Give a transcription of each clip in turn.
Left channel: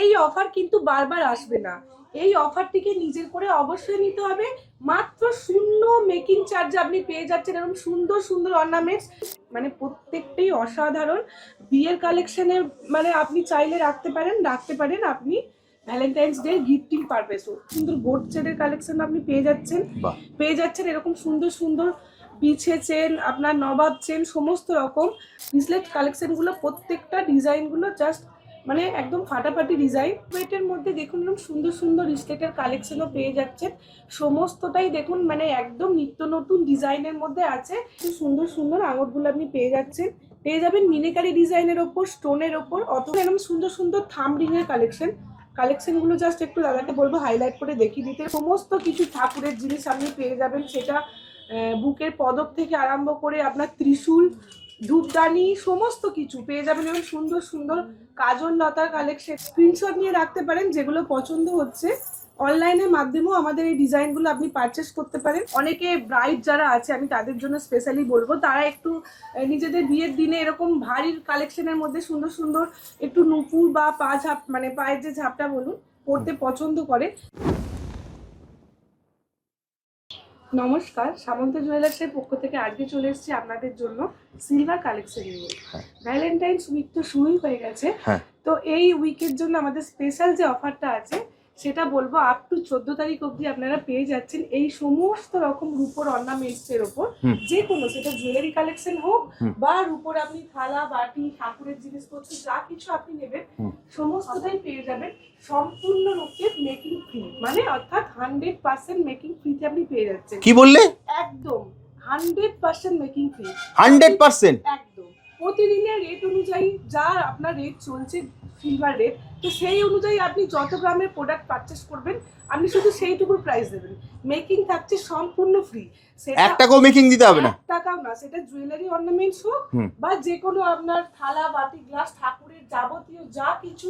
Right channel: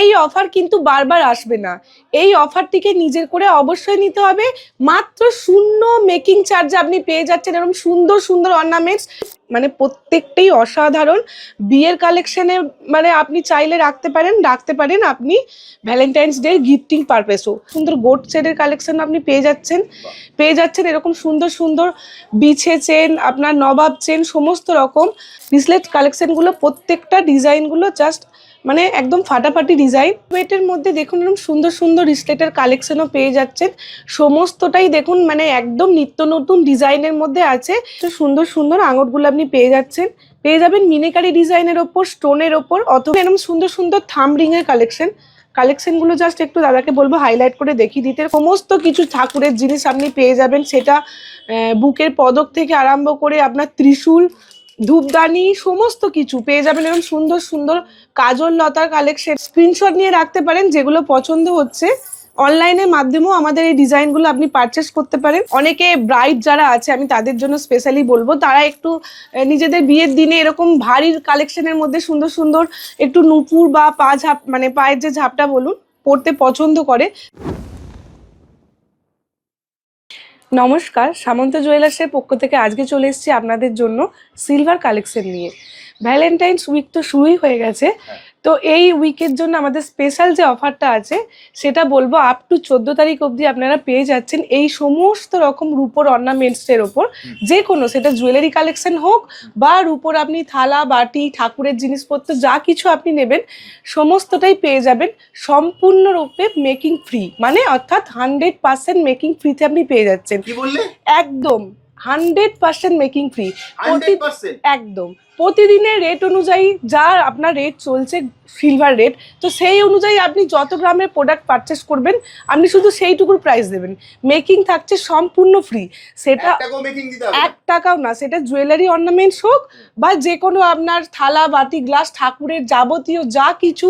এই অফার কিন্তু বারবার আসবে না। এই অফারটিকে নিজের করে অবশ্যই নিতে হবে। মাত্র 0 মেকিং চার্জে আপনি পেয়ে যাচ্ছেন এরকম সুন্দর সুন্দর অর্নামেন্টস, মানে প্রত্যেকটাই অসাধারণ। বিয়ের কালেকশনে মানে আপনি চাইলে রাখতে পারেন আপনি ভ্যালেন্টাইন্স ডে গিফটিং পারপাসও। সুন্দর গোট চেনের কালেকশন আপনি পেয়ে যাচ্ছেন এরকম সুন্দর সুন্দর বিছে চেন, আপনার নবাব চেন, সমস্ত রকম ব্রেসলেট কালেকশনগুলো, প্রত্যেকটা ডিজাইনগুলো জাস্ট মানে একদম ফাটাফাটি ডিজাইন। ওয়েটের মধ্যে দেখুন এরকম সুন্দর সুন্দর রিসলেটের কালেকশনও পেয়ে যাচ্ছেন। সমস্তটাই দেখুন মানে একদম নিত্য নতুন ডিজাইনের মধ্যে আছে। সুন্দর সুন্দর আঙুরগুলো আপনি পেয়ে যাবেন মিনিকারি ডিজাইনের ওপর, স্টোনের ওপর, অথবা এরকম সুন্দর সুন্দর থাম রিং এর কালেকশনগুলো জাস্ট একটু দাদাকে বলবো হাইলাইট করে দেখিয়ে দিতে। সমস্ত কিছু ঠাকুরের জিনিস আপনি পেয়ে যাবেন, সেটা বুকের পদক থেকে আরম্ভ করে আপনার ত্রিশূল, ধূপদানি, সমস্ত কিছু পেয়ে যাবেন। এবং সুন্দর সুন্দর কাজল লতার কালেকশন স্ক্রিনশট নিয়ে রাখতে পারেন, যেগুলো পছন্দ হচ্ছে অনলাইনের মাধ্যমেও আমাদের এই ডিজাইনগুলো আপনি পারচেস করতে পারেন। অনেকে ব্রাইড যারা আছে আমি তাদের জন্য স্পেশালি বলবো, তারা একটু নিজেদের বিয়ের দিনে এরকম ভারী কালেকশনের মধ্যে সুন্দর সুন্দর একটু নুপুর বা মানে পায়ের যে ঝাপটা বলুন পরতে পছন্দ করে। নমস্কার, সামন্ত জুয়েলার্সের পক্ষ থেকে আজকে চলে এসেছি আপনাদের জন্য সিলভার কালেকশন নিয়ে। ভ্যালেন্টাইন্স উইক তো শুরুই হয়ে গেছে, তো এই উইকের জন্য আমাদের স্পেশাল যে অফারটা আছে সেটা বলবো আপ টু 14 তারিখ অবধি আপনারা পেয়ে যাচ্ছেন এই সমস্ত রকম রূপোর অর্নামেন্টসের ওপর, যে কোনো সেটা জুয়েলারি কালেকশন হোক বা রূপোর আপনি থালা বাটি ঠাকুরের জিনিসপত্র যা কিছু আপনি নেবেন সমস্তটাই পেয়ে যাবেন সম্পূর্ণরূপে মেকিং ফ্রি, মানে অর্থাৎ 100% মেকিং ফ্রিতে আপনি পেয়ে যাচ্ছেন। কি বললে? একদম 100% মেকিং ফ্রি। 100% একদম প্রতিদিনের রেট অনুযায়ী যা আপনার রেট চলছে সিলভার রেট, তো সেই অনুযায়ী আপনি যত গ্রামের প্রোডাক্ট পারচেস করবেন আপনি শুধু সেইটুকুর প্রাইস দেবেন। মেকিং থাকছে সম্পূর্ণ ফ্রি, সেটা 1 টাকাও মেকিং দিতে হবে না, 1 টাকাও না। সেটা জুয়েলারি অর্নামেন্টস হোক বা যে কোনো আপনার থালা বাটি গ্লাস ঠাকুরের যাবতীয় যা কিছু,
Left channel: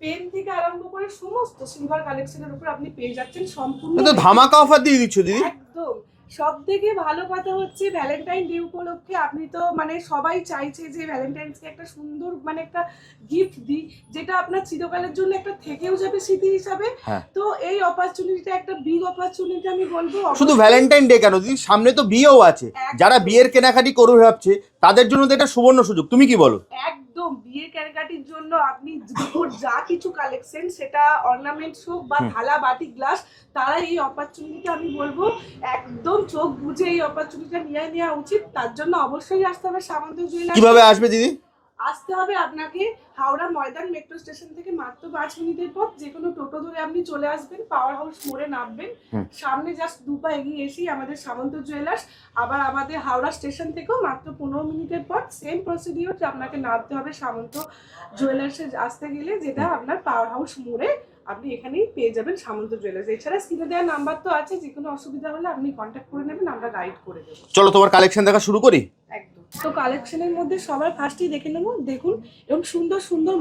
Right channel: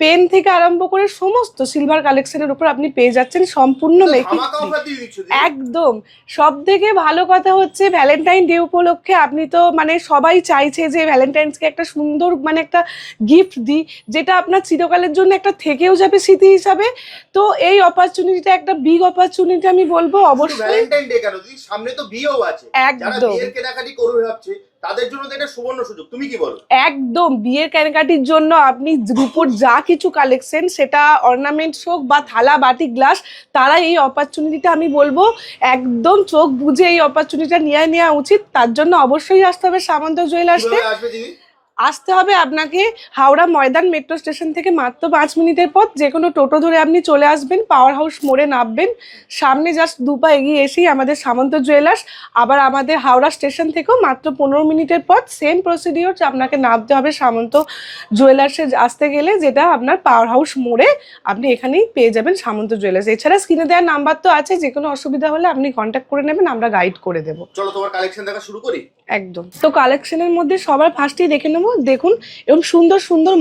পেন থেকে আরম্ভ করে সমস্ত সিলভার কালেকশনের উপর আপনি পেয়ে যাচ্ছেন সম্পূর্ণ ধামাকা অফার দিয়ে দিচ্ছ দিদি। একদম। সব থেকে ভালো কথা হচ্ছে ভ্যালেন্টাইন ডে উপলক্ষে আপনি তো মানে সবাই চাইছে যে ভ্যালেন্টাইন্সকে একটা সুন্দর মানে একটা গিফট দিই, যেটা আপনার চিরকালের জন্য একটা থেকেও যাবে স্মৃতি হিসাবে। তো এই অপরচুনিটিটা একটা বিগ অপরচুনিটি আমি বলবো। শুধু ভ্যালেন্টাইন ডে কেন দিদি, সামনে তো বিয়েও আছে, যারা বিয়ের কেনাকাটি করবে ভাবছে তাদের জন্য তো এটা সুবর্ণ সুযোগ, তুমি কি বলো? একদম বিয়ের কেনাকাটির জন্য আপনি রূপোর যা কিছু কালেকশন সেটা অর্নামেন্টস হোক বা থালা বাটি গ্লাস, তারা এই অপরচুনিটিটা আমি বলবো একদম চোখ বুঝে এই অপরচুনিটিটা নেওয়া উচিত। তার জন্য অবশ্যই আসতে হবে সামন্ত জুয়েলার্স। কিভাবে আসবে দিদি? আসতে হবে আপনাকে হাওড়া ময়দান মেট্রো স্টেশন থেকে মাত্র 5 মিনিটের পথ। যে কোনো টোটো ধরে আপনি চলে আসবেন, পাওয়ার হাউস মোড়ে নামবেন, সামনে জাস্ট 2 পা এগিয়ে এসেই আমাদের সামন্ত জুয়েলার্স। আবার আমাদের হাওড়া স্টেশন থেকেও মাত্র 15 মিনিটের পথ, সেম প্রসিডিওর, আপনাকে নামতে হবে সামন্ত জুয়েলার্সে আসতে গেলে, যেটা আপনার পাওয়ার হাউস মোড়ে। আপনি এখানেই পেয়ে যাবেন সামন্ত জুয়েলার্স। এছাড়া স্ক্রিনে দেওয়ার নাম্বার তো আছে, যে কোনো অসুবিধা হলে আপনি কন্ট্যাক্ট করে নেবেন, আমরা গাইড করে দেবো। চলো তোমার কালেকশন দেখা শুরু করি। একদম। তো কালেকশনের মধ্যে সবার ফার্স্টেই দেখে নেবো, দেখুন এরকম সুন্দর সুন্দর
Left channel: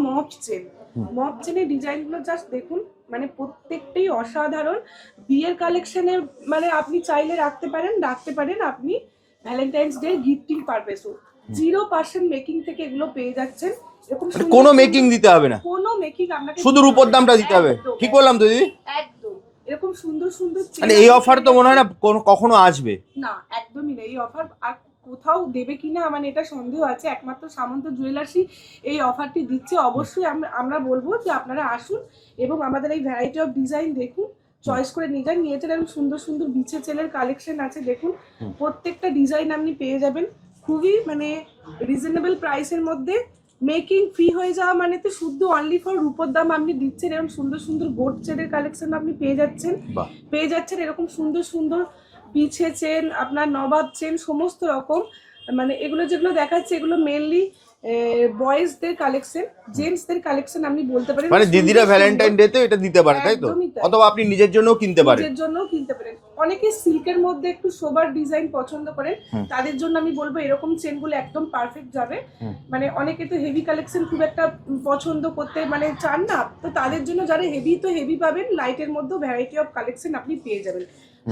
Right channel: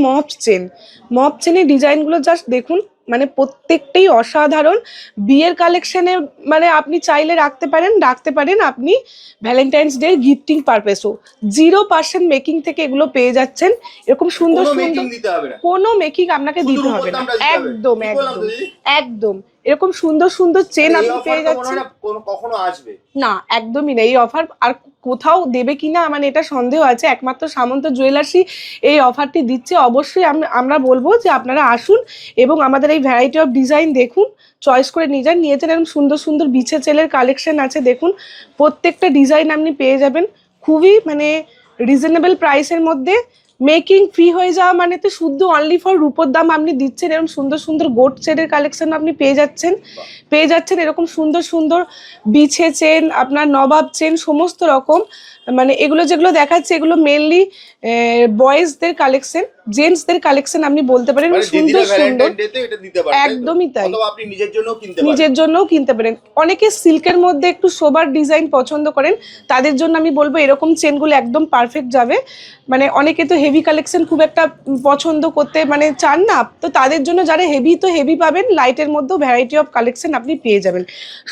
মপ চেনের ডিজাইনগুলো জাস্ট দেখুন, মানে প্রত্যেকটাই অসাধারণ। বিয়ের কালেকশনে মানে আপনি চাইলে রাখতে পারেন আপনি ভ্যালেন্টাইন্স ডে গিফটিং পারপাসও। 0% মেকিং থেকে এগুলো পেয়ে যাচ্ছেন। এরকম সুন্দর কোনো মেকিং দিতে হবে না, কোনো মেকিং আপনাকে শুধু রূপোর দামটা দিতে হবে। কি বললাম তো দিদি? একদম এরকম সুন্দর সুন্দর চেন। এই অফার তো মনে হয় না কখনো আসবে না, একদমই না। এই অফার আর কোথাও দেবে কিনা মানে এটা সন্দেহ আছে, একমাত্র সামন্ত জুয়েলার্সই এই অফারটি দিচ্ছে। অবশ্যই আমরা বলবো যে আপনারা আসুন এবং আমাদের এই ভ্যারাইটি অফ ডিজাইন দেখুন, চয়েস করে নিয়েছেন এরকম সুন্দর সুন্দর বিছে চেলের কালেকশন আছে। দেখুন প্রত্যেকটা ডিজাইন আপনি পেয়ে যাবেন খুবই মানে রিজনেবল প্রাইসের মধ্যে। মেকিং ফ্রি হয়ে যাওয়া মানে তো শুদ্ধ অনলি ফর রূপোর দাম আপনি দিচ্ছেন। এরকম সুন্দর সুন্দর গোট চেনের কালেকশন আপনি পেয়ে যাচ্ছেন এরকম সুন্দর সুন্দর বিছে চেন, আপনার নবাব চেন, সমস্ত রকম। মানে এগুলো যেগুলো দেখাচ্ছে এগুলো মেইনলি বয়েজদের কালেকশন, জেন্টসদের কালেকশন আপনি বলতে পারেন। মানে দিদিরা ভ্যালেন্টাইন ডে তে এটা দিতে পারে, তাই তো? একদমই তাই। অথবা আপনি নিজের জন্যও কিনতে পারেন। অনেকে সিল্কের মধ্যে একটু সোবার ডিজাইন পছন্দ করেন, তাদের জন্য আমি বলবো এরকম চেনগুলো একদম পারফেক্ট যাবে। মানে অনেকে তো হেভি কালেকশন খুব একটা পছন্দ করতে মানে চান না, তো তাদের জন্য যারা হেভি পাবেন, লাইটের মধ্যেও ভ্যারাইটি অফ কালেকশন আপনি পেয়ে যাবেন।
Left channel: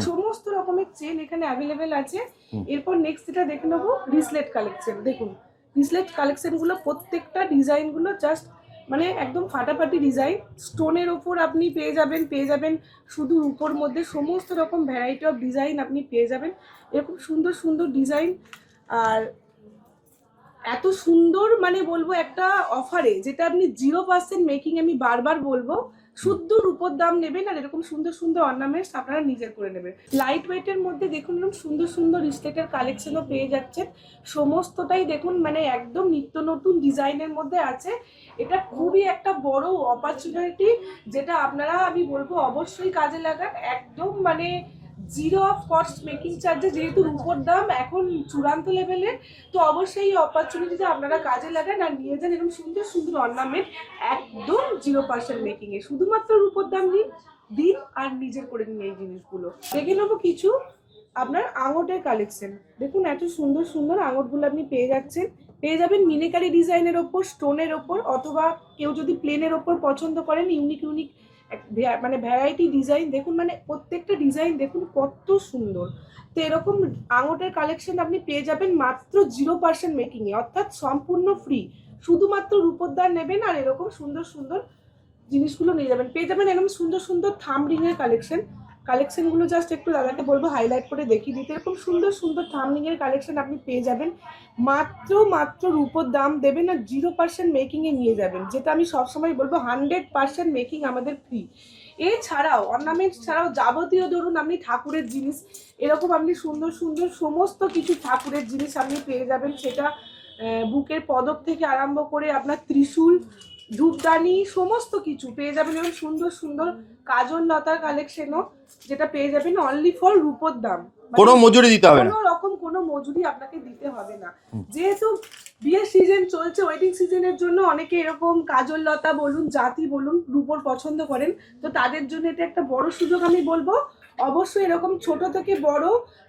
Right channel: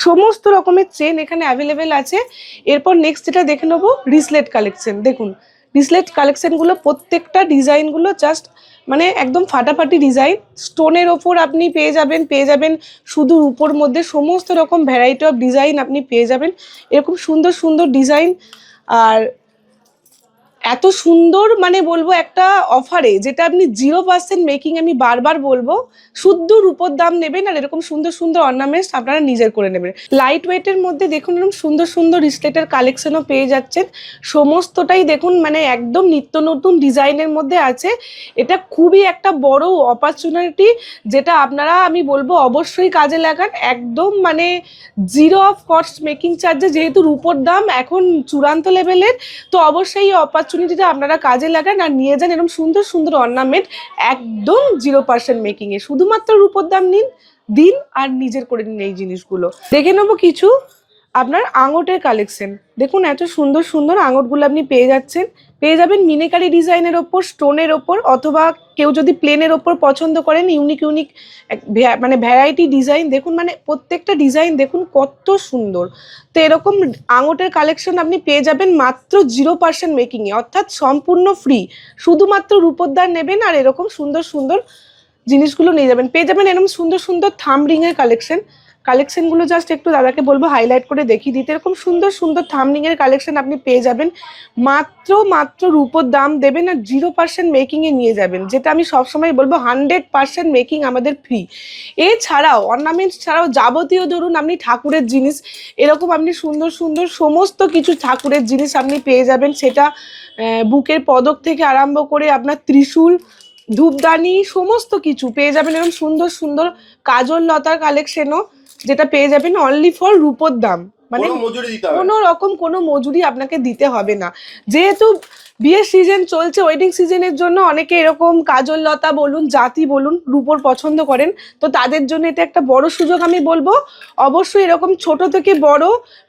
সমস্ত রকমের চেন এখানে অ্যাভেলেবেল আছে। এরপর নেক্সট যেটা দেখে নেবো রিসলেট কালেকশন। দেখুন রিসলেট কালেকশনগুলো প্রত্যেকটা ডিজাইনগুলো জাস্ট মানে একদম ফাটাফাটি ডিজাইন, স্টোনের ওপর আপনি পেয়ে যাবেন শুধু রূপোর মধ্যে সমস্ত রকম ভ্যারাইটি অফ ডিজাইন আপনি পেয়ে যাবেন, এরকম সুন্দর সুন্দর ডিজাইন। আর এত সুন্দর মানে বলবো একটা অফারে, যেটা আপনি 0% মেকিং, আমি বারবার বলবো, শুদ্ধ রূপোর দাম নেবেন আর এরকম সুন্দর সুন্দর অর্নামেন্টস আপনারা নিজের করে নেবেন। লাইট ওয়েটের মধ্যে দেখুন এরকম সুন্দর সুন্দর রিসলেটের কালেকশনও পেয়ে যাচ্ছেন, সমস্তটাই দেখুন মানে একদম নিত্য নতুন ডিজাইনের মধ্যে আছে। এটা খুবই একটা বড় অপরচুনিটি, যেটা আপনারা আমি বলবো অবশ্যই কাজে লাগান। একদম মানে 0 অফ কস্ট মেকিং চার্জে, যেহেতু রূপোর দাম এখন চূড়ান্ত লেভেলের, তো অবশ্যই এই অপরচুনিটিটা আপনারা কাজে লাগান আর নিয়ে যান এরকম সুন্দর সুন্দর অর্নামেন্ট একদম 0% মেকিংয়ে। শুধুমাত্র রূপোর দাম দিন আর নিজের করে নিন এই জিনিসগুলো। দেখে নেবো কিছু আপনার আঙটের কালেকশন। দেখুন এত সুন্দর সুন্দর আঙটগুলো আপনি পেয়ে যাবেন মিনেকারি ডিজাইনের ওপর, স্টোনের ওপর, অথবা কেউ যদি প্লেনের ওপর পছন্দ করেন ইউনিক মানে ভ্যারাইটি ডিজাইন। দেখুন মানে প্রত্যেকটা ডিজাইন দেখুন কত সুন্দর। তো এরকম আঙটের কালেকশন আপনি পেয়ে যাবেন মাত্র 0% মেকিংয়ে, অর্থাৎ সম্পূর্ণ ফ্রি। শুধুমাত্র রূপোর দাম নেবেন আর এরকম সুন্দর সুন্দর জিনিসগুলো নিয়ে যাবেন। পেয়ে যাবেন এরকম সুন্দর সুন্দর থাম রিংয়ের কালেকশনগুলো জাস্ট একটু দাদাকে বলবো হাইলাইট করে দেখিয়ে দিতে। এরকম সুন্দর সুন্দর থামনিংয়ের কালেকশন আপনি পেয়ে যাবেন, মাত্র রূপোর দাম দেবেন আর 0% মেকিংয়ে নিয়ে যাবেন, যেটা আমি সবসময় বলবো 100% মেকিং আমাদের ফ্রি। এছাড়াও অর্নামেন্টস ছাড়াও যাবতীয় ধরুন আপনি ঠাকুরের জিনিস, এরকম আপনি সুন্দর সুন্দর সমস্ত কিছু ঠাকুরের জিনিস আপনি পেয়ে যাবেন, সেটা বুকের পদক থেকে আরম্ভ করে আপনার ত্রিশূল, ধূপদানি, সমস্ত কিছু পেয়ে যাবেন। এরকম সুন্দর সুন্দর কাজল লতার কালেকশনও, যেটা পেয়ে যাবেন অনলি ফর রূপোর দাম, কোনো মজুরি দিতে হবে না, কোনো রকম কোনো মজুরি আপনাকে দিতে হবে না। যেহেতু বিয়ের সিজন চলছে, ওয়েডিং সিজনের জন্য অনেকে এরকম কাজল লতা বলুন, জাতি বলুন, রূপোর পছন্দ করেন, তো তাদের জন্য এটা একটা বড় সুযোগ। আমি বলবো অবশ্যই এরকম ছোট থেকে বড়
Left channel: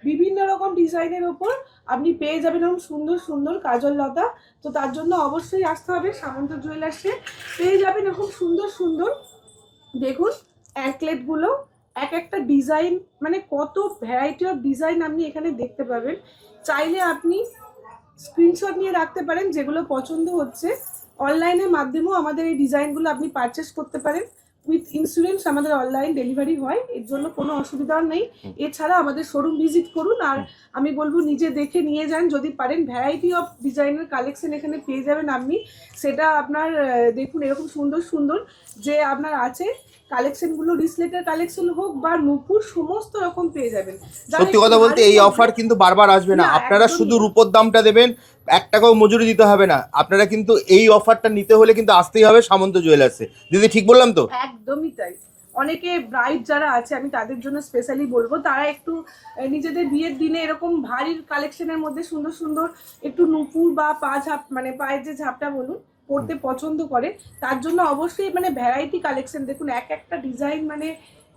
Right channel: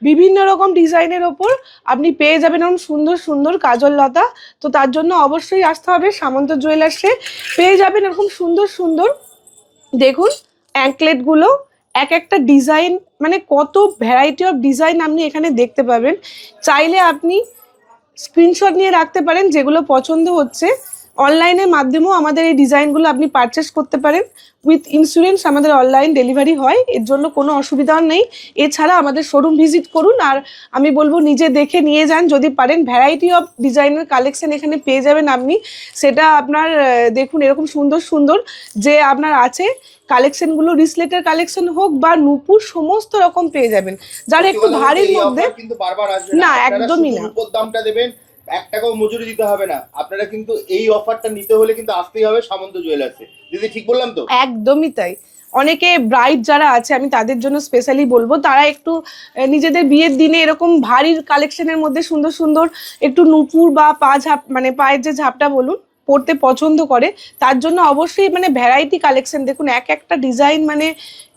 বিভিন্ন রকম ডিজাইনের ওপর আপনি পেয়ে যাবেন এরকম সুন্দর সুন্দর কাজল লতা। তো তার জন্য অবশ্যই আসতে হবে সামন্ত জুয়েলার্সে। পেয়ে যাবেন এরকম সুন্দর সুন্দর দেখুন অ্যাঙ্কলেটগুলো, এক একটা ডিজাইন মানে কত ভ্যারাইটি অফ ডিজাইন আপনি এখানে দেখতে পাবেন। চাইলে আপনি স্ক্রিনশট নিয়ে রাখতে পারেন, যেগুলো পছন্দ হচ্ছে অনলাইনের মাধ্যমেও আমাদের এই ডিজাইনগুলো আপনি পারচেস করতে পারেন। উইথ ইন্স্যুরেন্স আমাদের অনলাইন ডেলিভারি হয়, এর জন্য কোনো অসুবিধা নেই। এছাড়া আমাদের শোরুম ভিজিট করুন আর আমি বলবো নিজে দেখে নিয়ে যান যদি পারেন। ভ্যারাইটি অফ ডিজাইনের কালেকশন এখানে পেয়ে যাবেন আপনি, সেটা আপনার দেখুন এরকম সুন্দর সুন্দর যে আপনার আছে কালেকশনগুলো, রিসলেটের কালেকশন হোক বা নূপুর, সমস্ত রকম পেয়ে যাবেন। যারা একটু ভারী, এই অফার কিন্তু বারবার আসবে না, আপনারা শুধু রূপোর দামটা দেবেন, 1 টাকাও মজুরি দিতে হবে না। আপনারা কিন্তু এই অফারটা নিতে হলে কিন্তু আসতেই হবে সামন্ত জুয়েলার্সে। দিদি ঠিক বললাম তো? একদমই তাই। অনেকে ব্রাইড যারা আছে আমি তাদের জন্য স্পেশালি বলবো, তারা একটু নিজেদের বিয়ের দিনে এরকম ভারী কালেকশনের মধ্যে সুন্দর সুন্দর একটু নূপুর বা মানে পায়ের যে ঝাপটা বলুন পড়তে পছন্দ করে, তার জন্য অবশ্যই মানে ভ্যারাইটি কালেকশন দেখুন, এক একটা ডিজাইন মানে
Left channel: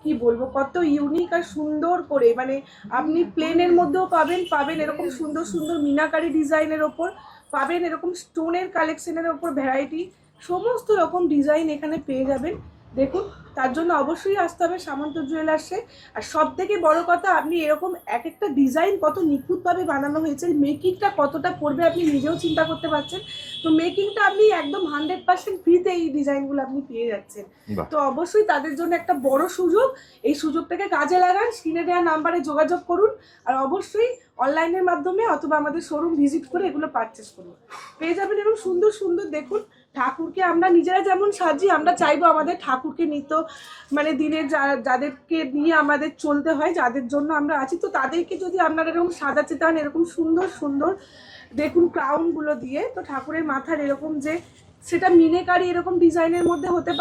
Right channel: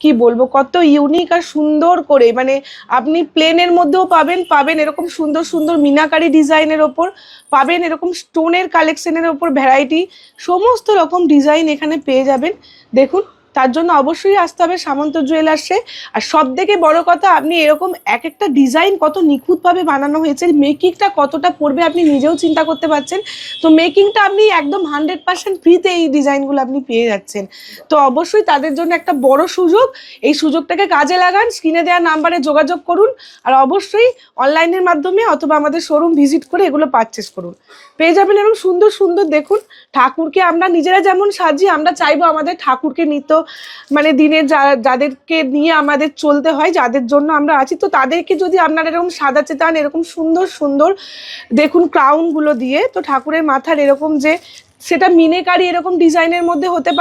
কি বলবো কত ইউনিক আর সুন্দর করে। মানে আপনি প্লেনের মধ্যেও পাবেন এরকম সুন্দর সুন্দর মিনাকারি ডিজাইনের ওপর, পাবেন এরকম স্টোনের কালেকশনের ওপর ভ্যারাইটি, সমস্ত রকম ডিজাইন এখানে পেয়ে যাবেন। দেখুন তার জন্য অবশ্যই আসতে হবে সামন্ত জুয়েলার্সে। আর সব থেকে বড় কথা, আপনি এরকম এক একটা ডিজাইন কত নিখুঁতভাবে বানানো হয়েছে, মেকিংটা কতটা পড়বে আপনি নিজেও চিন্তা করতে পারছেন। তো মেকিংটা আপনি একদম 100% ফ্রিতে এই ডিজাইনগুলো আপনি পেয়ে যাচ্ছেন। তো অবশ্যই তাদের জন্য একটা বড় সুযোগ, এই সুযোগটাকে কাজে লাগান। স্ক্রিনে দেওয়া নাম্বারে যোগাযোগ করুন আর অবশ্যই অনলাইনের মাধ্যমে অথবা আমাদের শোরুম ভিজিট করে এগুলো পারচেস করুন। পেয়ে যাবেন এরকম সুন্দর সুন্দর দেখুন ঠাকুরকে আমরা নিজেরা যেমন সাজি, আমরা চাইবো আমাদের ঠাকুরকে নিত্য মানে দিনে যাদেরকে নিয়ে আমাদের চলতে হয়, যাদের জন্য আমরা আছি, তো তাদেরকে যদি আপনারা এরকম সাজাতে চান এরকম সুন্দর সুন্দর দেখুন ক্রাউনগুলো দিয়ে, তো ঠাকুরের মাথার এরকম যে সেটা মিনেকারি এরকম ডিজাইনের মধ্যে হতে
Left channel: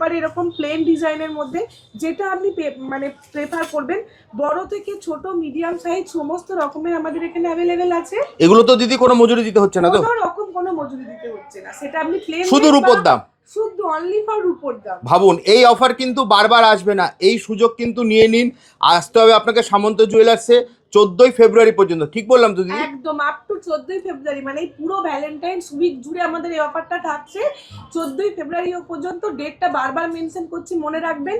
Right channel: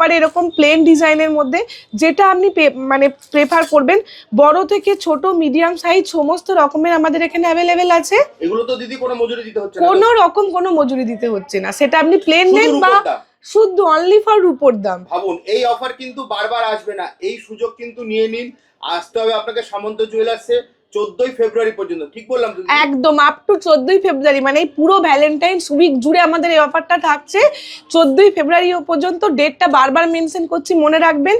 পারে এরকম প্লেন ডিজাইনের মধ্যে, যেটা আপনি মানে প্রেফার করবেন। বড় থেকে ছোট মিডিয়াম সাইজ সমস্ত রকমের আমাদের এখানে অ্যাভেলেবেল আছে। এগুলো তো দিদি কোনো মজুরি দিতে হচ্ছে না, কোনো রকম কোনো মজুরি দিতে হচ্ছে না, সেটা আপনি প্লেন শুধু রূপোর দাম, শুধু অনলি ফর রূপোর দাম। ভাবুন এই অফার কিন্তু বারবার আসবে না, এই সুযোগ কিন্তু নিয়ে নিন। আসতে হবে আপনাকে সামন্ত জুয়েলার্সে 14ই ফেব্রুয়ারি পর্যন্ত। ঠিক বললাম তো? একদম আপ টু 14ই ফেব্রুয়ারি, মানে এই পুরো ভ্যালেন্টাইন্স উইক জুড়ে আমাদের এই অফারটা থাকছে 14ই ফেব্রুয়ারি পর্যন্ত। ডেটটা বারবার মেনশন করছি, মনে রাখবেন।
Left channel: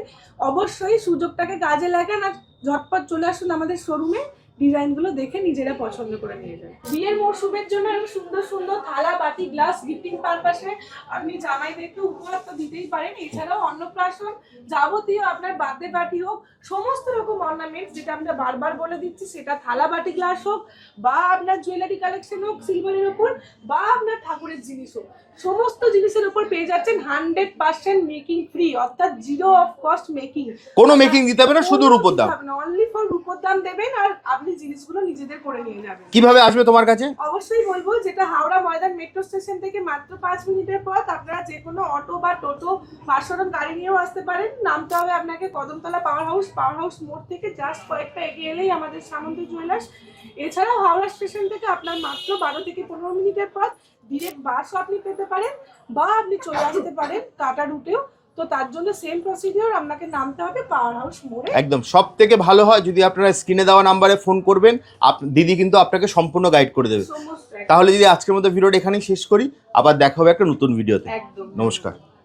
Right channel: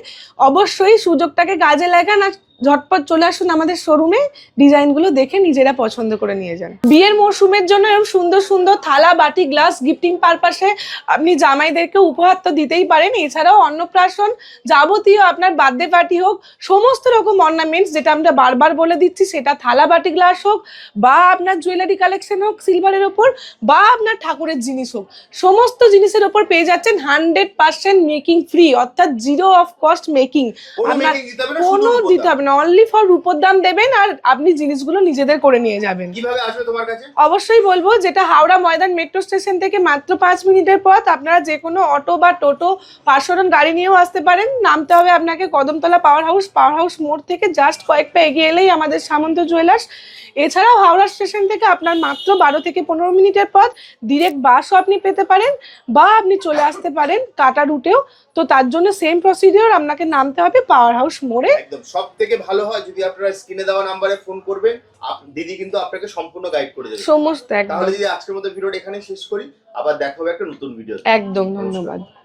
অবশ্যই সুযোগটাকে কাজে লাগান আর ঝটপট চলে আসুন আমাদের শোরুমে, ডিজাইনগুলো দেখে নিজেরা পছন্দ করে নিয়ে যান। বিয়ের মরশুমের জন্য এরকম সুন্দর সুন্দর থালা বাটি গ্লাস গিফটিং পারপাসে আপনি জামাইদেরকে উপহার তো দিতেই পারেন। এছাড়াও অন্নপ্রাশন, যাবতীয় আপনার বার্থডে পার্টি হোক, সমস্ত রকম অর্নামেন্টস, যেটা আমরা বারবার বলে দিচ্ছি, সেটা থালা বাটি গ্লাস হোক বা আপনার জুয়েলারি কালেকশন হোক সিলভারের ওপর, বা আপনার ঠাকুরের জিনিস হোক, সমস্ত জিনিসের ওপর পেয়ে যাচ্ছেন 100% মেকিং ফ্রি, অর্থাৎ জিরো অফ কস্ট মেকিং। কোনো মেকিং দিতে হবে না, শুধু রূপোর দাম। অনলি ফর রূপোর দাম দেবেন আর আপনি জিনিসগুলো নিজেদের করে নিয়ে যাবেন। কিভাবে আসবে তোমার কাছে? অবশ্যই বলবো, যেটা হাওড়া ময়দান মেট্রো স্টেশন থেকে মাত্র 5 মিনিটের পথ। আপনারা যে কোনো অটো বা টোটো পার্সোনাল গাড়ি নিয়েও আসতে পারেন। নামতে হবে আপনাকে কদমতলা পাওয়ার হাউস মোড় থেকে জাস্ট কয়েক পা এগিয়ে এলেই আমাদের সামন্ত জুয়েলার্স। এছাড়াও হাওড়া স্টেশন থেকে আপনার মাত্র 12 থেকে 15 মিনিটের পথ। ডিরেক্ট বাসও আপনি পেতে পারেন বা আপনি চলে আসতে পারেন টাটা রুটেও। তো তার জন্য সেম প্রসিডিওর, আপনাকে নামতে হবে পাওয়ার হাউস মোড়ে। একদম সব থেকে ভালো হয় যদি আপনারা স্ক্রিনে দেওয়া নাম্বারে ফোন করবেন, দিদি কিন্তু আপনাকে সম্পূর্ণ গাইড করে দেবে সমস্ত। তাহলে দিদি আজকের মতো ভিডিওটা এখানেই শেষ করি, আবার দেখা হবে একটা নতুন ভিডিওতে। একদম, নমস্কার। ধন্যবাদ।